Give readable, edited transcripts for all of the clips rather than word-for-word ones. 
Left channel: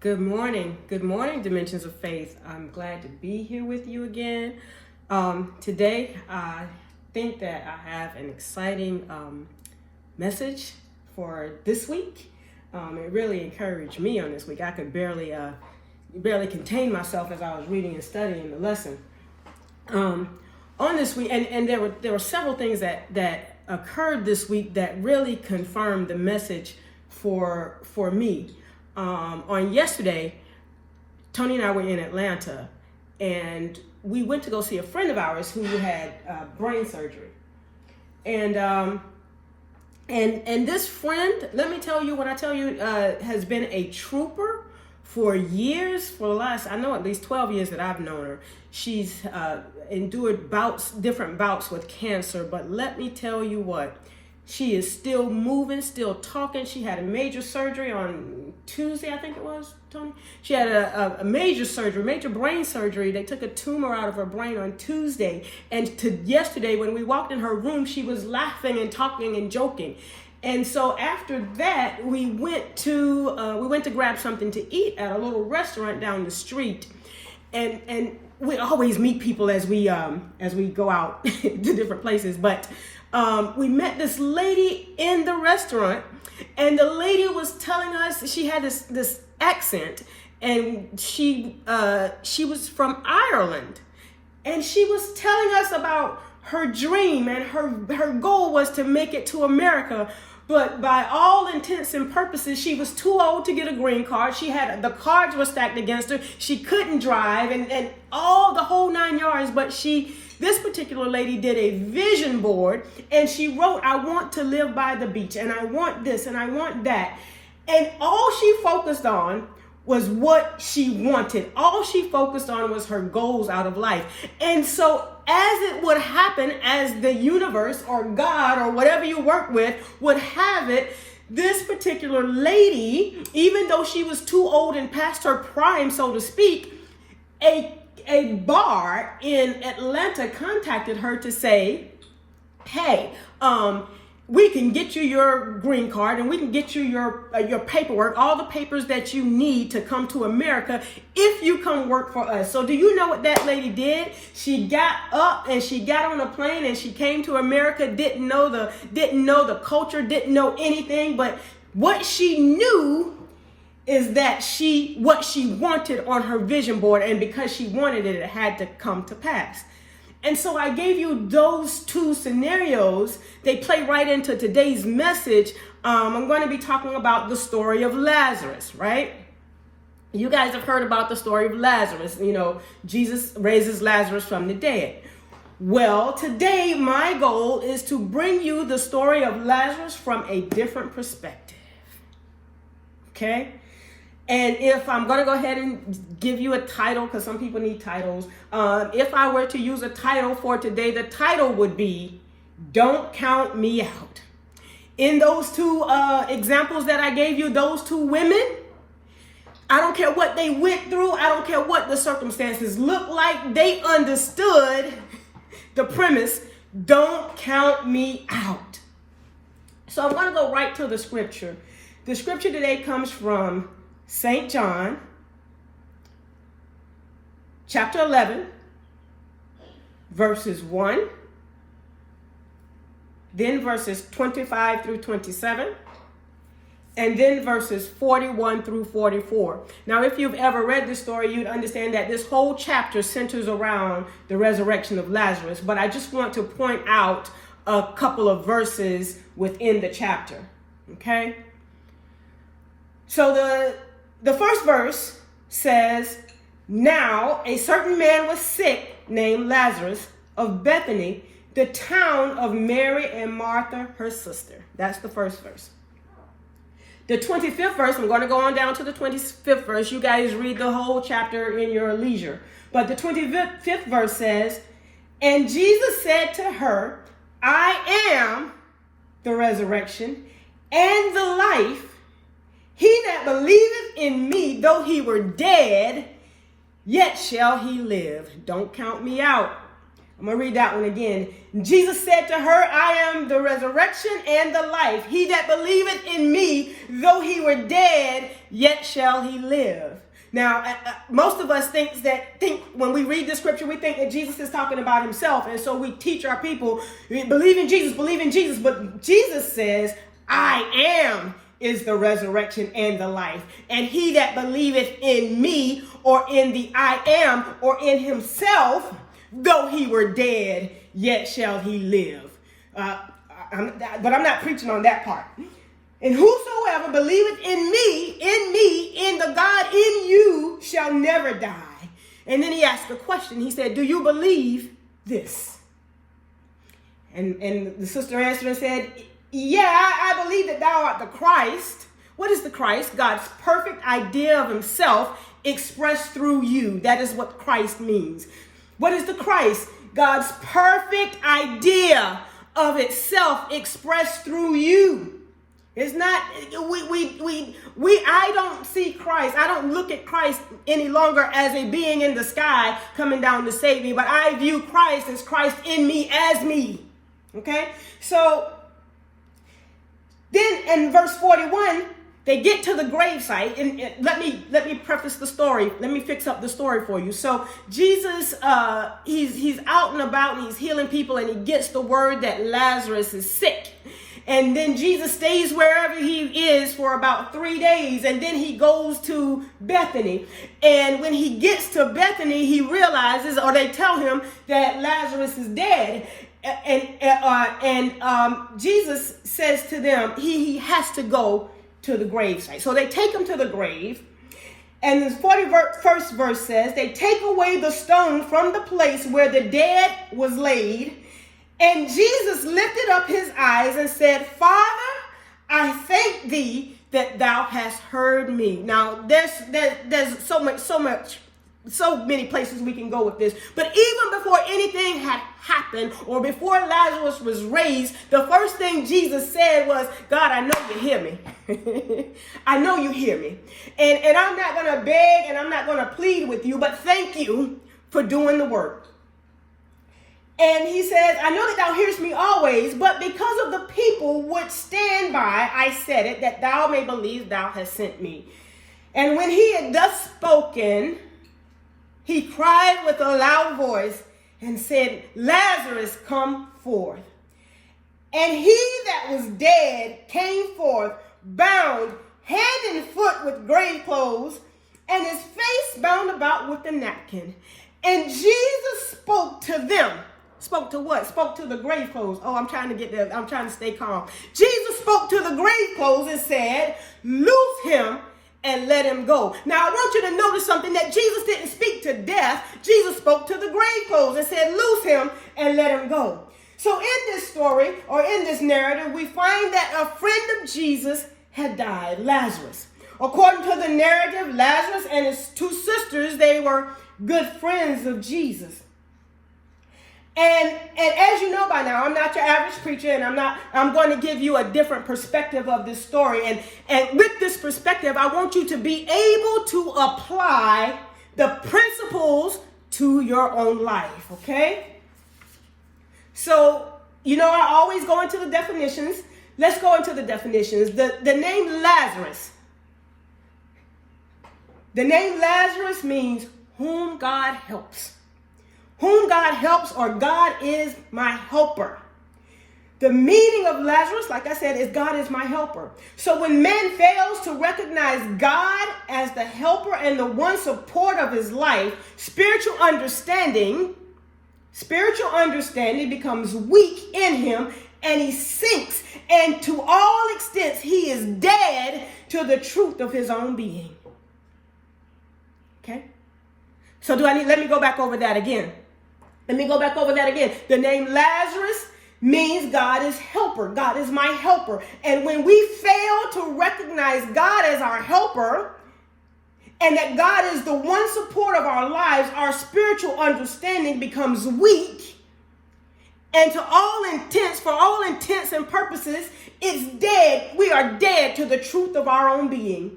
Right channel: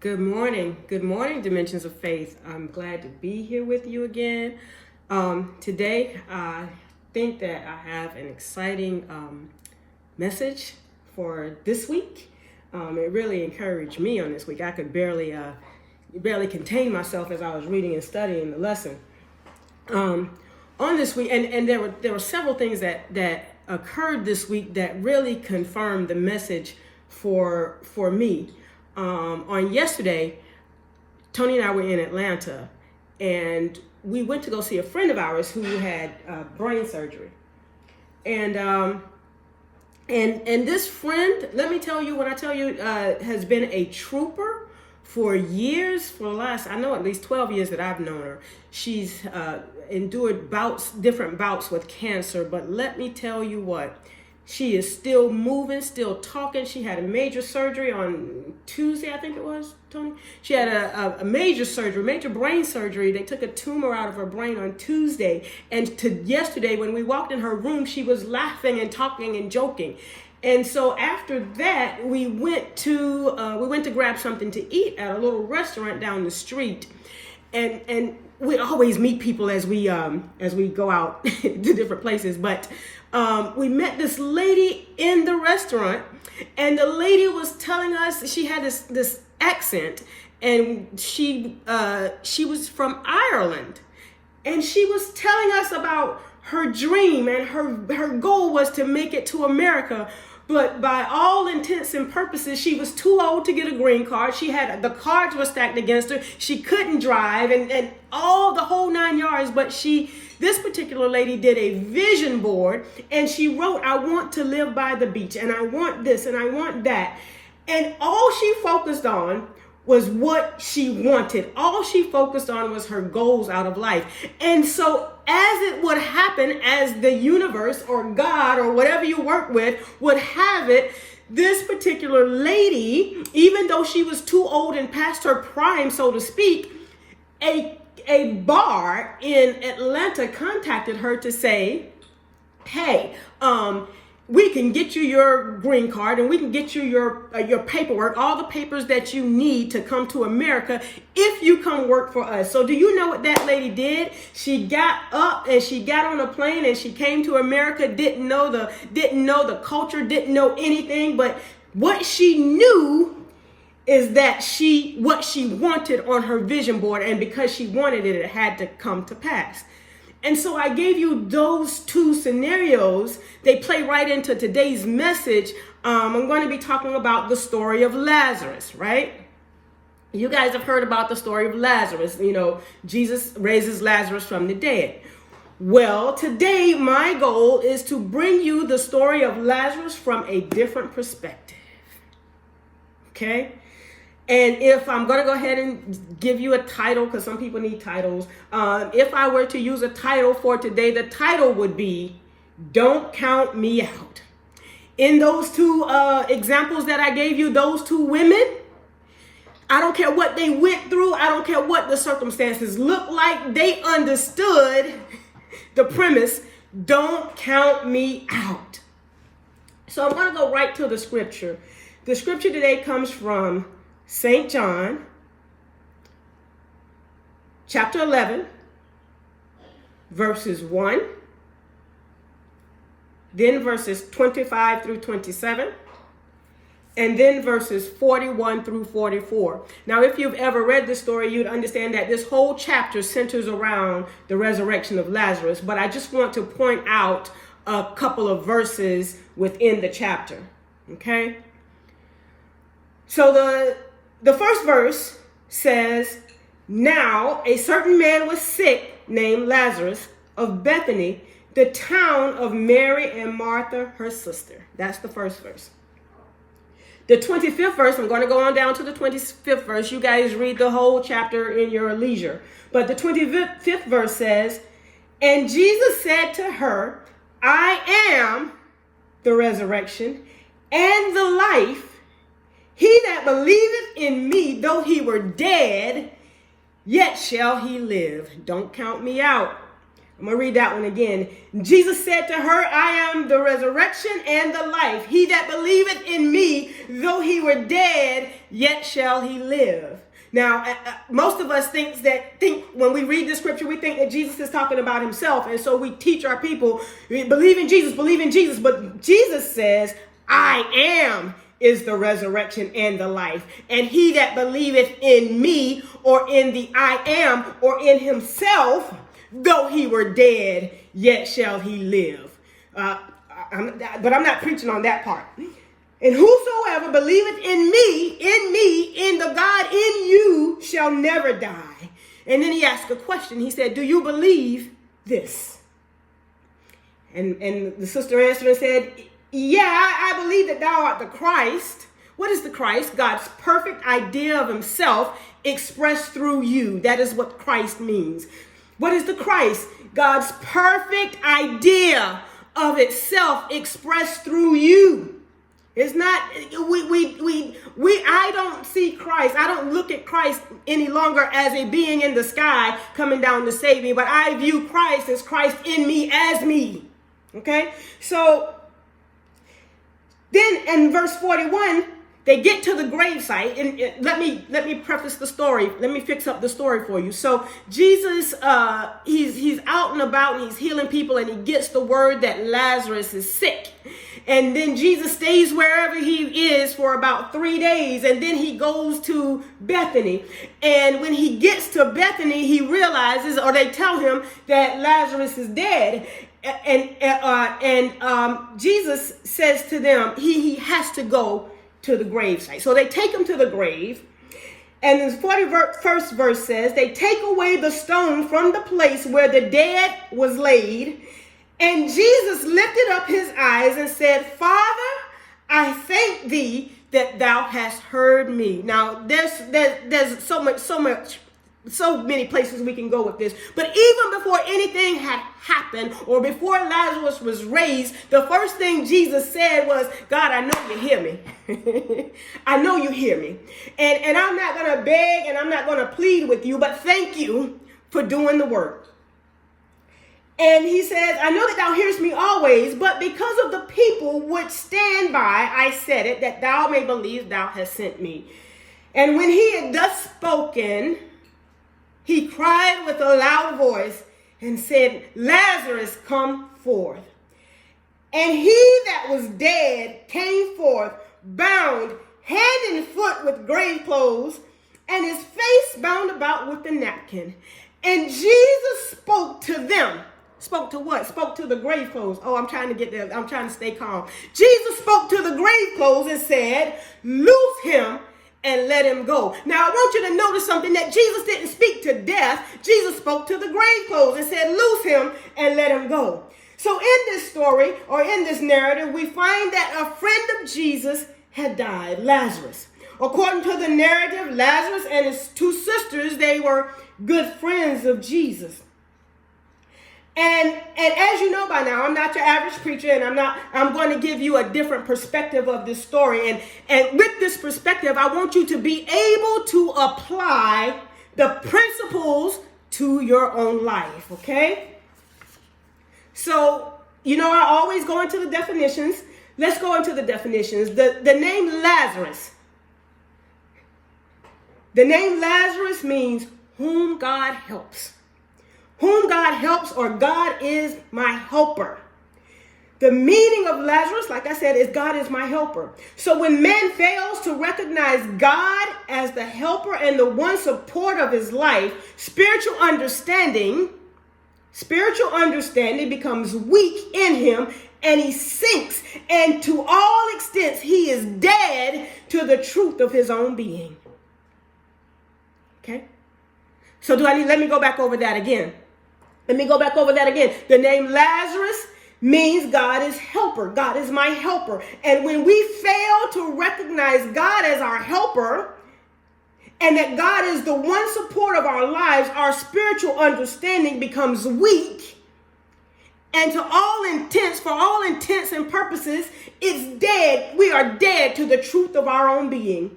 Good morning. Good morning, Dimensions of Faith. I'm glad to be here with you again. Today, I think that I have an exciting message for this week. It really encouraged me on this week. I could barely contain myself as I was reading and studying the lesson. On this week, and there were several things that occurred this week that really confirmed the message for me. On yesterday, Tony and I were in Atlanta, and we went to go see a friend of ours who had brain surgery. And this friend, let me tell you, has been a trooper for years, for the last, I know at least 12 years that I've known her. She's endured different bouts with cancer, but let me tell you what, she is still moving, still talking. She had a major surgery on Tuesday, I think it was, Tony. She had a major brain surgery. They took a tumor out of her brain on Tuesday. And yesterday, when we walked in her room, she was laughing and talking and joking. And so after that, we went to grab something to eat at a little restaurant down the street. And we always meet people as we go out to different places, but we met this lady in the restaurant, and the lady was telling us, she had this accent, and she was from Ireland, and she was telling us about her dream, and her goal was to make it to America. But by all intents and purposes, she was too old to get a green card. The cards were stacked against her. She couldn't drive and all the whole 9 yards. But this particular lady did a vision board, and she wrote, I want to live by the beach, and I want this, and I want that. And all she focused on was what she wanted. All she focused on was her goals out of life. And so as it would happen, as the universe or God or whatever you work with would have it, this particular lady, even though she was too old and past her prime, so to speak, a bar in Atlanta contacted her to say, hey, we can get you your green card, and we can get you your paperwork, all the papers that you need to come to America if you come work for us. So do you know what that lady did? She got up and she got on a plane and she came to America, didn't know the culture, didn't know anything, but what she knew is that what she wanted on her vision board, and because she wanted it, it had to come to pass. And so I gave you those two scenarios. They play right into today's message. I'm going to be talking about the story of Lazarus, right? You guys have heard about the story of Lazarus. You know, Jesus raises Lazarus from the dead. Well, today my goal is to bring you the story of Lazarus from a different perspective. Okay? And if I'm going to go ahead and give you a title, because some people need titles. If I were to use a title for today, the title would be, Don't Count Me Out. In those two examples that I gave you, those two women, I don't care what they went through. I don't care what the circumstances look like. They understood the premise, don't count me out. So I'm going to go right to the scripture. The scripture today comes from St. John, chapter 11, verses 1, then verses 25 through 27, and then verses 41 through 44. Now, if you've ever read this story, you'd understand that this whole chapter centers around the resurrection of Lazarus, but I just want to point out a couple of verses within the chapter, okay? So the first verse says, now a certain man was sick named Lazarus of Bethany, the town of Mary and Martha, her sister. That's the first verse. The 25th verse, I'm going to go on down to the 25th verse. You guys read the whole chapter in your leisure. But the 25th verse says, and Jesus said to her, I am the resurrection and the life. He that believeth in me, though he were dead, yet shall he live. Don't count me out. I'm going to read that one again. Jesus said to her, I am the resurrection and the life. He that believeth in me, though he were dead, yet shall he live. Now, most of us think when we read the scripture, we think that Jesus is talking about himself. And so we teach our people, believe in Jesus, believe in Jesus. But Jesus says, I am is the resurrection and the life. And he that believeth in me, or in the I am, or in himself, though he were dead, yet shall he live. But I'm not preaching on that part. And whosoever believeth in me, in the God in you, shall never die. And then he asked a question. He said, do you believe this? And the sister answered and said, yeah, I believe that thou art the Christ. What is the Christ? God's perfect idea of himself expressed through you. That is what Christ means. What is the Christ? God's perfect idea of itself expressed through you. It's not, I don't see Christ. I don't look at Christ any longer as a being in the sky coming down to save me, but I view Christ as Christ in me as me. Okay? So then in verse 41, they get to the gravesite, and let me preface the story. Let me fix up the story for you. So Jesus, he's out and about and he's healing people, and he gets the word that Lazarus is sick. And then Jesus stays wherever he is for about 3 days, and then he goes to Bethany. And when he gets to Bethany, he realizes, or they tell him, that Lazarus is dead. And Jesus says to them, he has to go to the gravesite. So they take him to the grave. And the 41st verse says, they take away the stone from the place where the dead was laid. And Jesus lifted up his eyes and said, Father, I thank thee that thou hast heard me. Now, there's so many places we can go with this. But even before anything had happened, or before Lazarus was raised, the first thing Jesus said was, God, I know you hear me. I know you hear me. And I'm not going to beg and I'm not going to plead with you, but thank you for doing the work. And he says, I know that thou hearest me always, but because of the people which stand by, I said it, that thou may believe thou hast sent me. And when he had thus spoken, he cried with a loud voice and said, Lazarus, come forth. And he that was dead came forth, bound hand and foot with grave clothes, and his face bound about with a napkin. And Jesus spoke to them. Spoke to what? Spoke to the grave clothes. Oh, I'm trying to get there. I'm trying to stay calm. Jesus spoke to the grave clothes and said, loose him and let him go. Now, I want you to notice something, that Jesus didn't speak to death. Jesus spoke to the grave clothes and said, loose him and let him go. So in this story, or in this narrative, we find that a friend of Jesus had died, Lazarus. According to the narrative, Lazarus and his two sisters, they were good friends of Jesus. And as you know by now, I'm not your average preacher, and I'm going to give you a different perspective of this story. And with this perspective, I want you to be able to apply the principles to your own life, okay? So, I always go into the definitions. Let's go into the definitions. The name Lazarus. The name Lazarus means whom God helps. Whom God helps, or God is my helper. The meaning of Lazarus, like I said, is God is my helper. So when man fails to recognize God as the helper and the one support of his life, spiritual understanding becomes weak in him, and he sinks. And to all extents, he is dead to the truth of his own being. Okay? So let me go back over that again. The name Lazarus means God is helper. God is my helper. And when we fail to recognize God as our helper, and that God is the one support of our lives, our spiritual understanding becomes weak. And for all intents and purposes, it's dead. We are dead to the truth of our own being.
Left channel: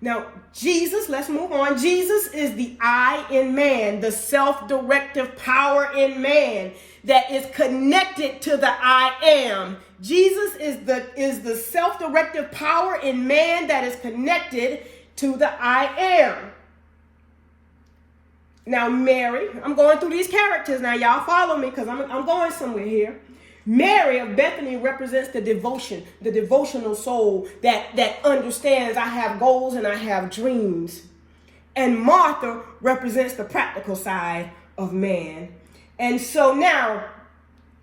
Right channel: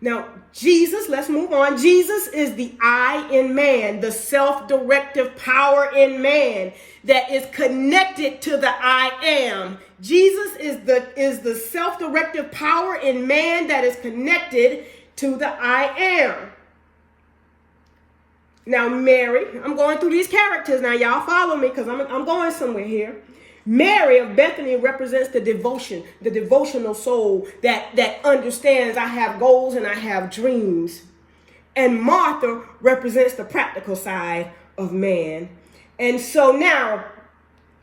Now, Jesus, let's move on. Jesus is the I in man, the self-directive power in man that is connected to the I am. Jesus is the self-directive power in man that is connected to the I am. Now, Mary, I'm going through these characters now. Y'all follow me because I'm going somewhere here. Mary of Bethany represents the devotion, the devotional soul that understands I have goals and I have dreams. And Martha represents the practical side of man. And so now,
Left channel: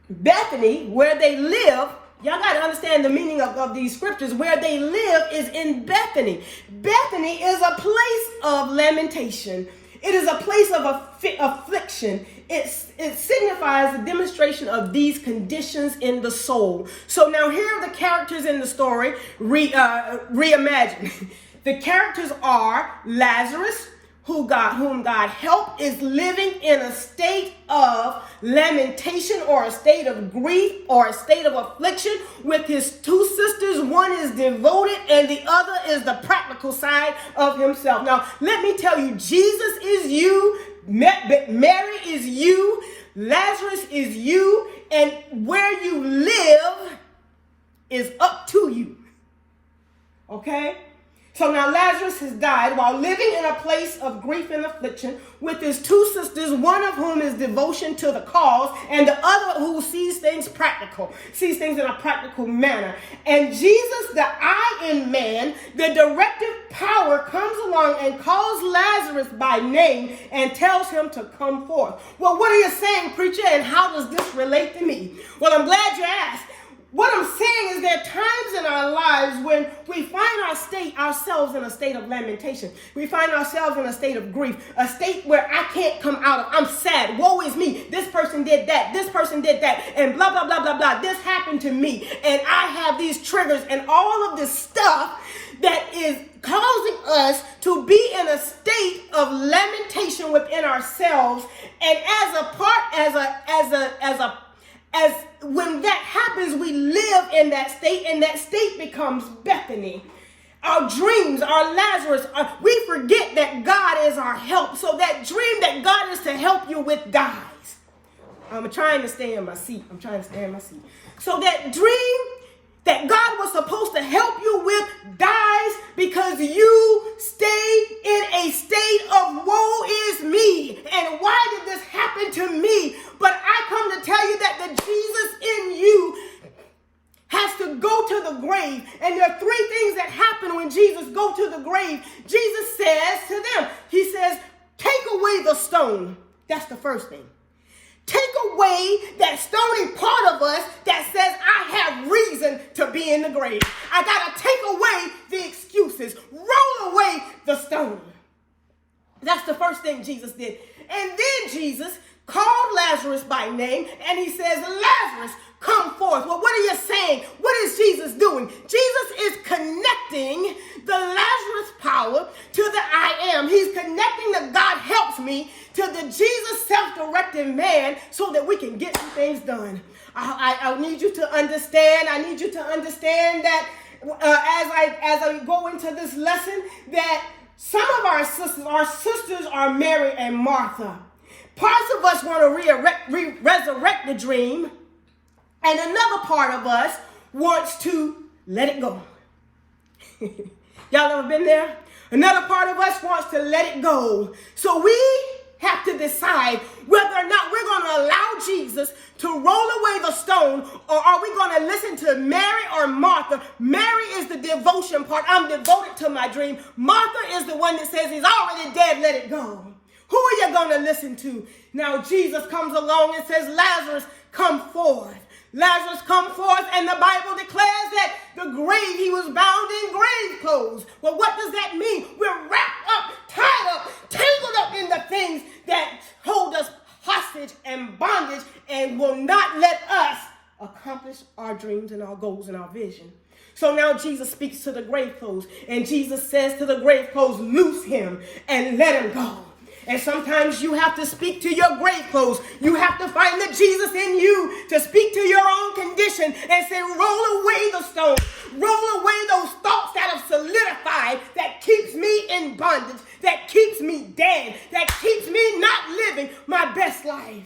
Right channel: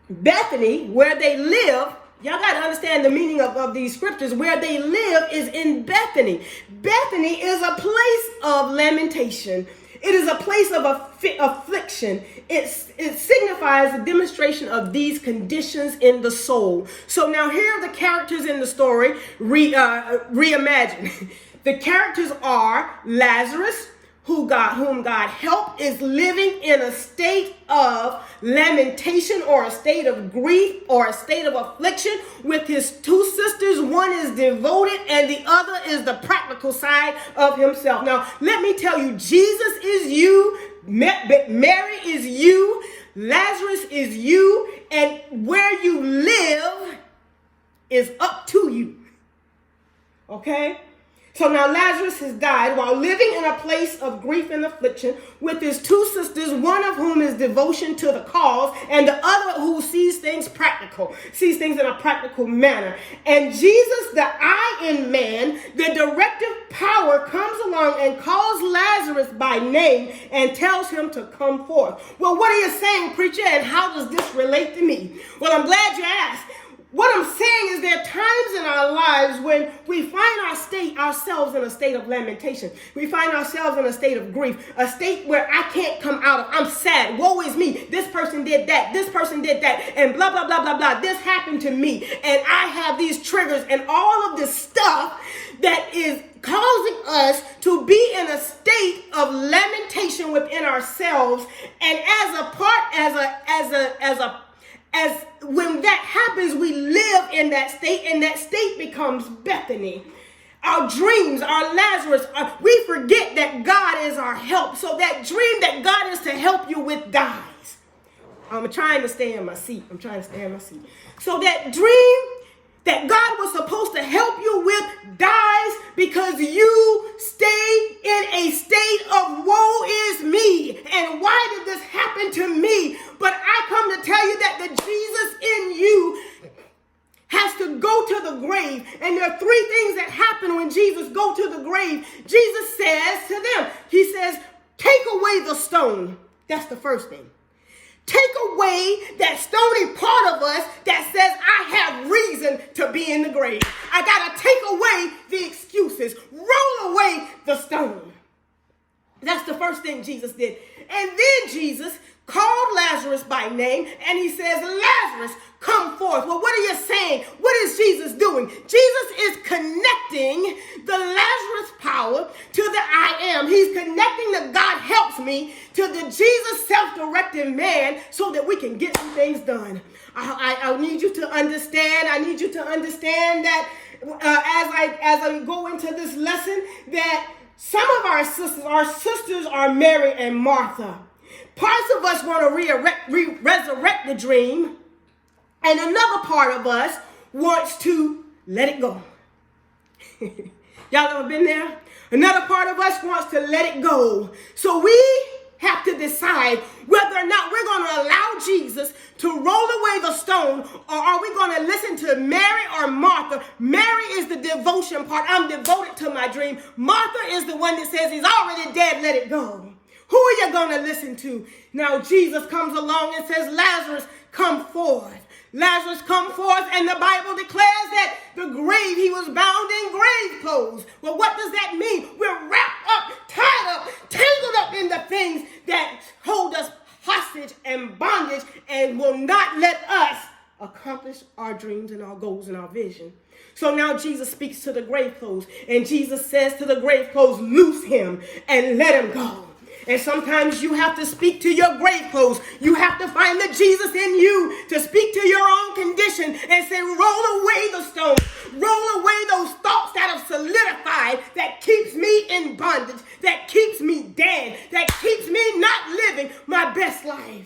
Bethany, where they live, y'all got to understand the meaning of these scriptures. Where they live is in Bethany. Bethany is a place of lamentation. It is a place of affliction. It signifies the demonstration of these conditions in the soul. So now here are the characters in the story reimagined. The characters are Lazarus, whom God helped, is living in a state of lamentation or a state of grief or a state of affliction with his two sisters. One is devoted and the other is the practical side of himself. Now, let me tell you, Jesus is you, Mary is you, Lazarus is you, and where you live is up to you. Okay? So now Lazarus has died while living in a place of grief and affliction with his two sisters, one of whom is devotion to the cause, and the other who sees things in a practical manner. And Jesus, the I in man, the directive power, comes along and calls Lazarus by name and tells him to come forth. Well, what are you saying, preacher, and how does this relate to me? Well, I'm glad you asked. What I'm saying is there are times in our lives when we find ourselves in a state of lamentation. We find ourselves in a state of grief, a state where I can't come out of. I'm sad. Woe is me. This person did that. This person did that. And blah, blah, blah, blah, blah. This happened to me. And I have these triggers and all of this stuff that is causing us to be in a state of lamentation within ourselves. And when that happens, we live in that state, and that state becomes Bethany. Our dreams, our Lazarus, we forget that God is our help. So that dream that God is to help you with dies. I'm trying to stay in my seat. So that dream that God was supposed to help you with dies because you stayed in a state of woe is me. And why did this happen to me? But I come to tell you that the Jesus in you has to go to the grave. And there are three things that happen when Jesus goes to the grave. Jesus says to them, he says, take away the stone. That's the first thing. Take away that stony part of us that says I have reason to be in the grave. I got to take away the excuses. Roll away the stone. That's the first thing Jesus did. And then Jesus called Lazarus by name and he says, Lazarus, come forth. Well, what are you saying? What is Jesus doing? Jesus is connecting the Lazarus power to the I am. He's connecting the God helps me to the Jesus self-directed man so that we can get some things done. I need you to understand. I need you to understand that as I go into this lesson, that some of our sisters are Mary and Martha. Parts of us want to resurrect the dream, and another part of us wants to let it go. Y'all ever been there? Another part of us wants to let it go. So we have to decide whether or not we're going to allow Jesus to roll away the stone, or are we going to listen to Mary or Martha? Mary is the devotion part. I'm devoted to my dream. Martha is the one that says he's already dead, let it go. Who are you going to listen to? Now Jesus comes along and says, Lazarus, come forth. Lazarus come forth, and the Bible declares that the grave, he was bound in grave clothes. Well, what does that mean? We're wrapped up, tied up, tangled up in the things that hold us hostage and bondage and will not let us accomplish our dreams and our goals and our vision. So now Jesus speaks to the grave clothes, and Jesus says to the grave clothes, loose him and let him go. And sometimes you have to speak to your grave clothes. You have to find the Jesus in you to speak to your own condition and say, roll away the stone. Roll away those thoughts that have solidified, that keeps me in bondage, that keeps me dead, that keeps me not living my best life.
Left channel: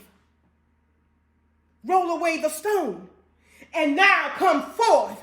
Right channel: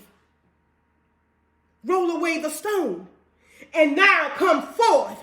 Roll away the stone. And now come forth.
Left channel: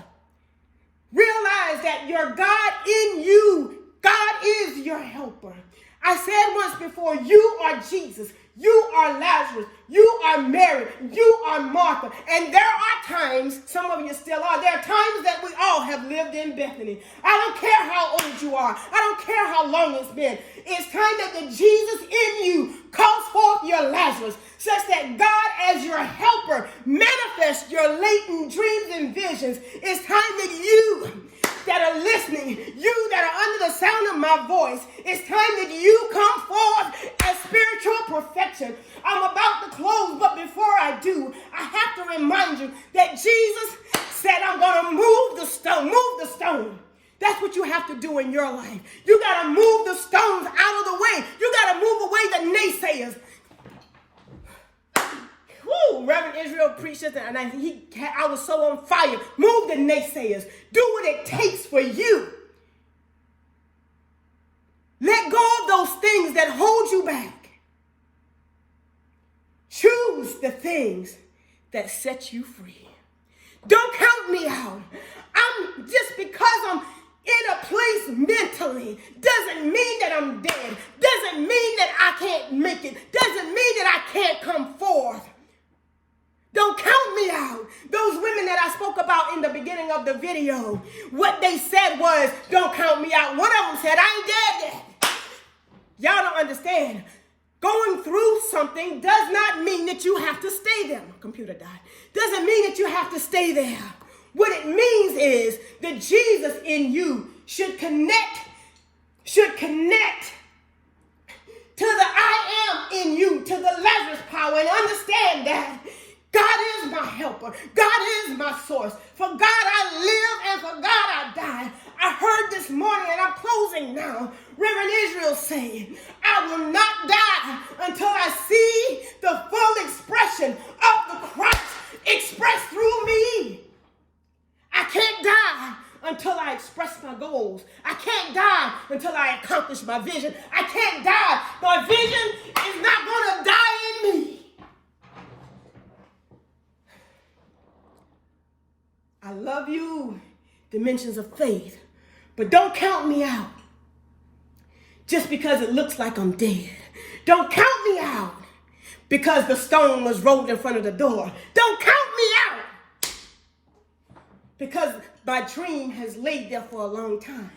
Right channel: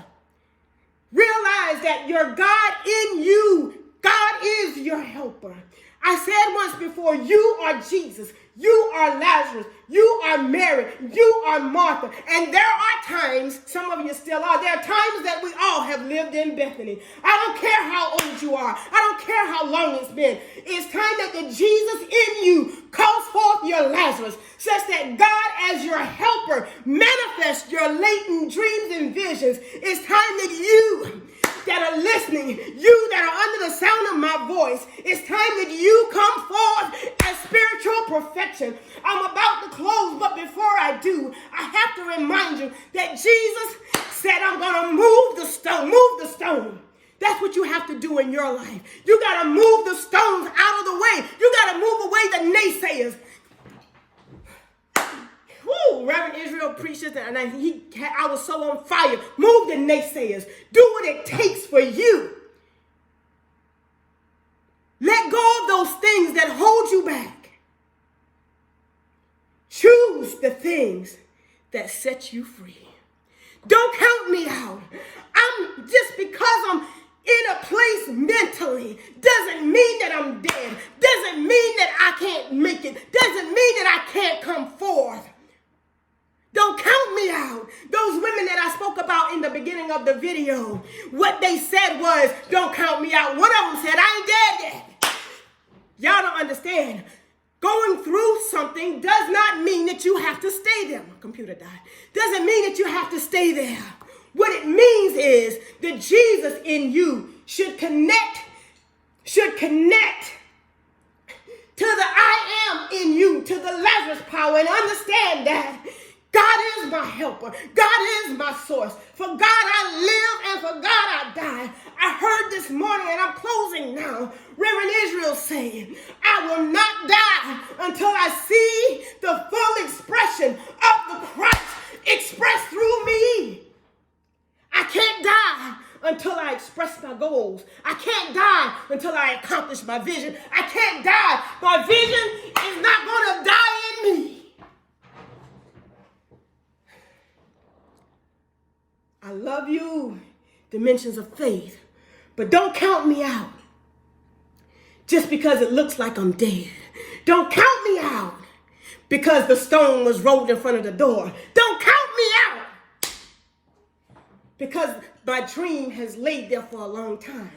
Realize that your God in you, God is your helper. I said once before, you are Jesus. You are Lazarus. You are Mary. You are Martha. And there are times, some of you still are, there are times that we all have lived in Bethany. I don't care how old you are. I don't care how long it's been. It's time that the Jesus in you calls forth your Lazarus, such that God as your helper manifests your latent dreams and visions. It's time that you that are listening, you that are under the sound of my voice, it's time that you come forth as spiritual perfection. I'm about to close, but before I do, I have to remind you that Jesus said, I'm going to move the stone. Move the stone. That's what you have to do in your life. You got to move the stones out of the way. You got to move away the naysayers. Woo, Reverend Israel preached this, and I was so on fire. Move the naysayers. Do what it takes for you. Let go of those things that hold you back. Choose the things that set you free. Don't count me out. I'm just because I'm in a place mentally doesn't mean that I'm dead. Doesn't mean that I can't make it. Doesn't mean that I can't come forth. Don't count me out. Those women that I spoke about in the beginning of the video, what they said was, don't count me out. One of them said, I ain't dead yet. Y'all don't understand. Going through something does not mean that you have to stay there. My computer died. Doesn't mean that you have to stay there. What it means is that Jesus in you should connect to the I am in you, to the Lazarus power, and understand that God is my helper. God is my source. For God I live and for God I die. I heard this morning, and I'm closing now, Reverend Israel saying, I will not die until I see the full expression of the Christ expressed through me. I can't die until I express my goals. I can't die until I accomplish my vision. I can't die. My vision is not going to die in me. I love you, dimensions of faith, but don't count me out just because it looks like I'm dead. Don't count me out because the stone was rolled in front of the door. Don't count me out because my dream has laid there for a long time.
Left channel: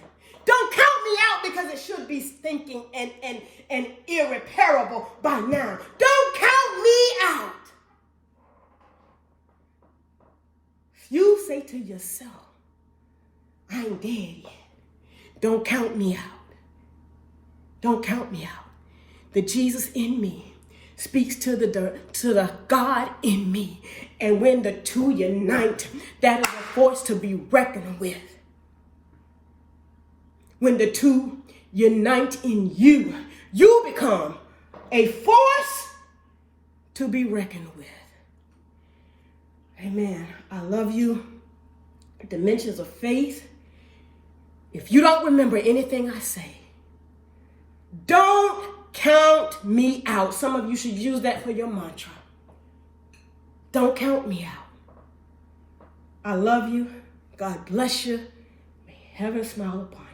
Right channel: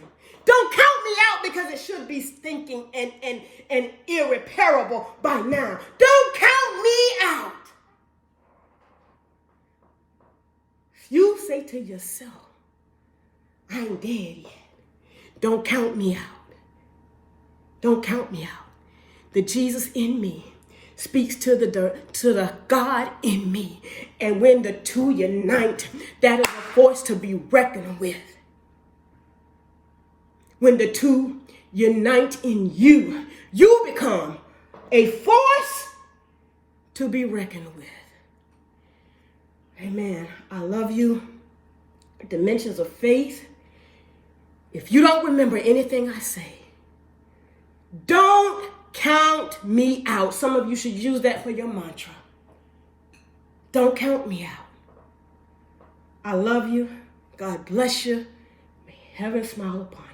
Don't count me out because it should be stinking and irreparable by now. Don't count me out. You say to yourself, I ain't dead yet. Don't count me out. Don't count me out. The Jesus in me speaks to the God in me. And when the two unite, that is a force to be reckoned with. When the two unite in you, you become a force to be reckoned with. Amen. I love you. Dimensions of faith. If you don't remember anything I say, don't count me out. Some of you should use that for your mantra. Don't count me out. I love you. God bless you. May heaven smile upon you.